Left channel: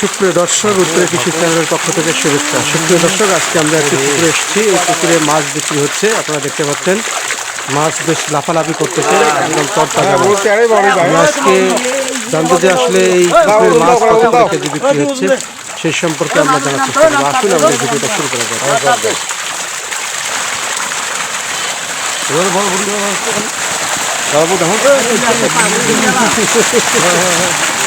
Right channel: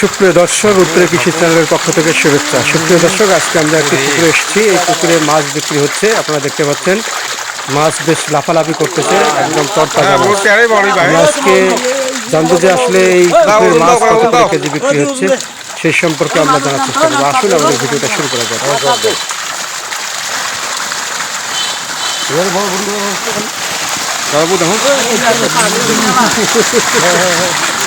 সুপ্রিয় দর্শক উত্তরে কৃষি চ্যানেলের পক্ষ থেকে শুভেচ্ছা। সুপ্রিয় দর্শক আজকে আমরা একটি পুকুরে এসেছি। এই পুকুরে মাছ বিক্রি হচ্ছে। আপনারা দেখতে পাচ্ছেন মাছ বেশ লাফালাফি করতেছে একদম তরতাজা মাছ। আজকে জানব যে আসলে এই পুকুরের মাছ কত করে কেজি বিক্রি হচ্ছে সেই সম্পর্কে আমরা জানার চেষ্টা করব। আসুন আমাদের ভিডিওটা শুরু করা যাক।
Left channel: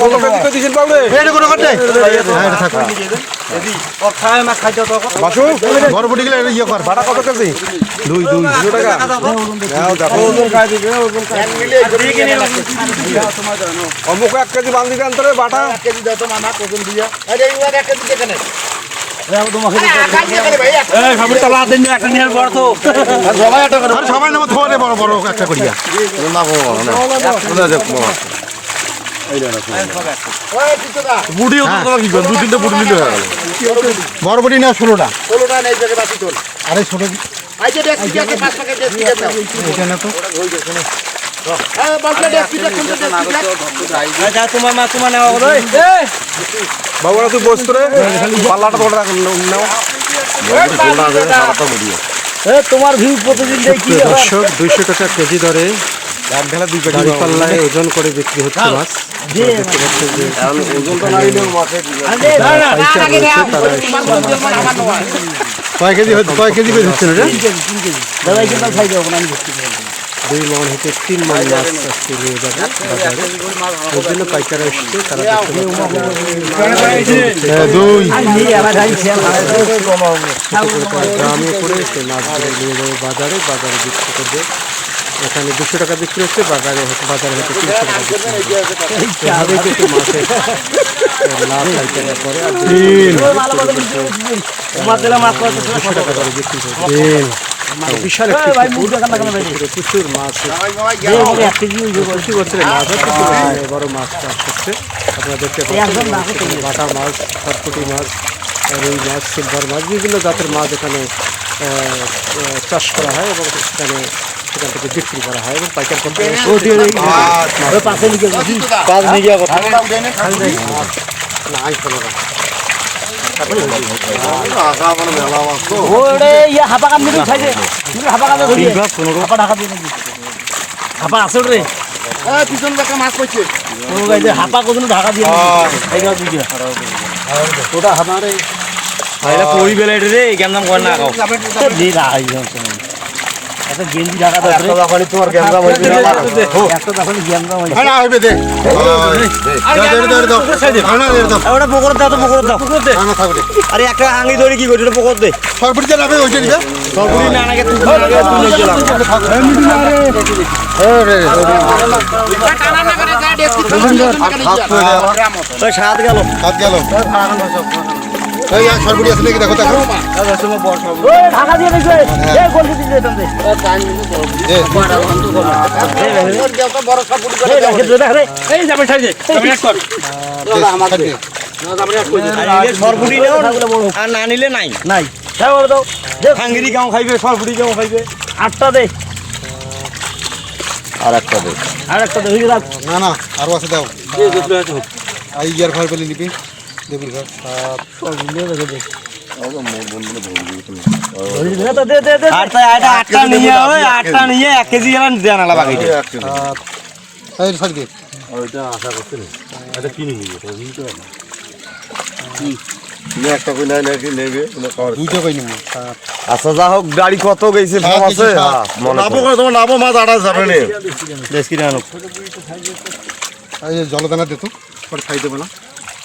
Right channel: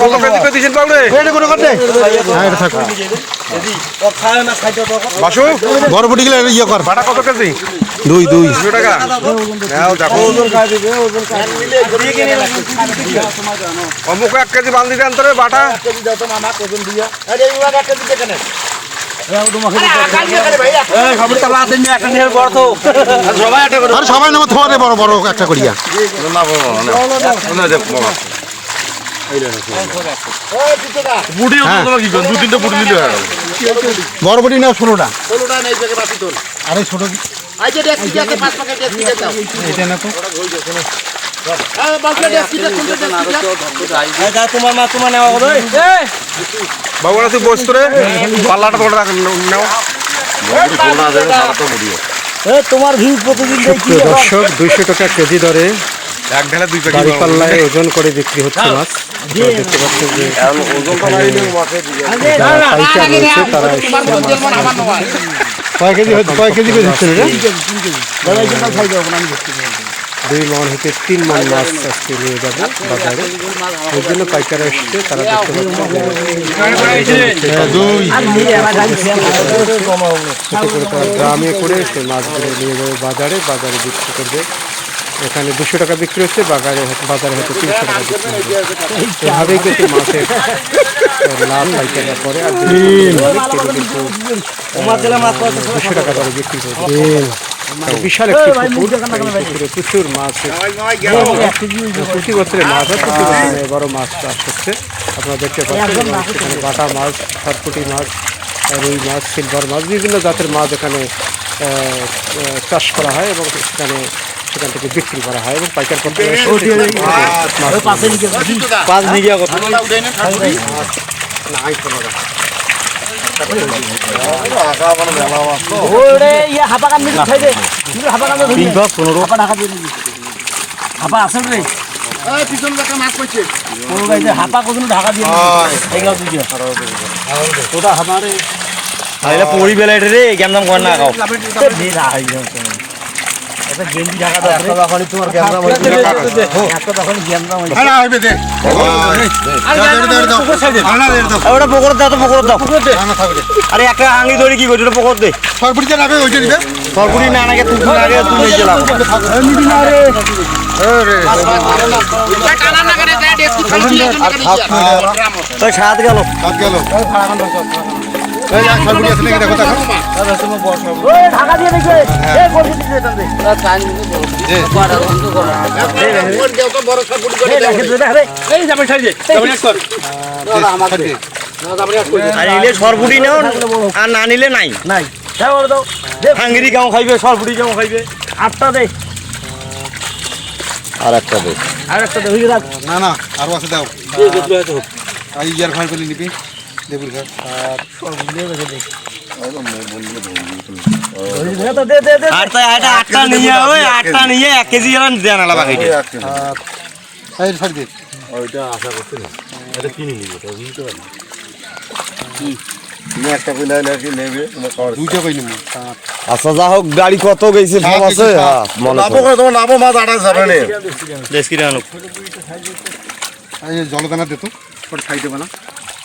কত কেজি করে পাউডে বাসু? গেলে ইয়ে কর কত কেজি? দুই দুই দুশো টাকা। নাও দেখো। অমুক এক কেজি বান্দি দেন তোরে বাটা। আরে সবাই নামা থরে বড় বড় একটা করিয়া। বরবটি না ষোলোটা আরে এটা না তো? বাবুরা তুই বসতো রে পাল্লাটা তোরা রাখ নাও। তোমার ভিউ প্রতিদিন দর্শক দুইশো টাকা কেজি দরে এক ঢালে দুই গাড়ি পাল্লায় ওজন করে বিক্রি হচ্ছে মাছ দেখতে পাচ্ছেন যে যারা পাইকার রয়েছে তারা এসছে মাছ কয় কেজি হচ্ছে কয় কেজি করে এটা দুই মন হতে তিন মন মাছ আজকে নিয়ে যাবে বাজারে ওই জন্য পাইকারা এসছে তারা দেখতে পাচ্ছে হ্যাঁ, গ্রামে করে সে মাছগুলো নিয়ে যাবে বাজারে বাজারে বিক্রি করবে এখানে দুশো টাকা বিক্রি হচ্ছে বাজারে বাজারে হয়তো তিনশো টাকা বিক্রি হবে এভাবেই কিন্তু মাছের লাভ পাইকাররা করে আর দুশো টাকা দরে বিক্রি করবে মানে বিশাল একটি পুকুর পুকুরে প্রচুর মাছ প্রতি বছরে মাছ হয় প্রতি বছরে বড় মাছ চাষ হচ্ছে। আপনারা দেখতে পাচ্ছেন বাটা মাছ খড়কুটি মাছ রুই মাছ সিলভার মাছ বিভিন্ন জাতের মাছ এখানে চাষ করা হয় এবং সেখানে সেখান থেকে বিক্রি করা হয় এবং পাইকার কোম্পানি হাপা কখন ঢাকা দিয়ে ওটা হামারে পরি বেলা রে কেমন কর না ওটা পকড় দাও তো পকড় দাও। আরে একটা হাঙ্গি ধরে কি করছ পকড় দে। সরবরিতে রাখবে ওইটা দিবে। সরপুরি না নাকি তুমি আগে তুমি গেলাম তো সাত গেল। হাত গেল। এই এই এই সরপুরি নাও আর না নিলে নাই নাই হাঙ্গিরি গাঁও খাইবে সরপুরি গাঁও খাইবে আটটা দে আর একটা দে আর একটা দে না না আরও আছে দাও আর ইয়ার খাই বলে নিবি। আচ্ছা যা হোক গাড়ি কত গেছে হ্যাঁ, আছে। হ্যাঁ, মনে তোমার মাছ যাবে না জলদানা দে তো পরে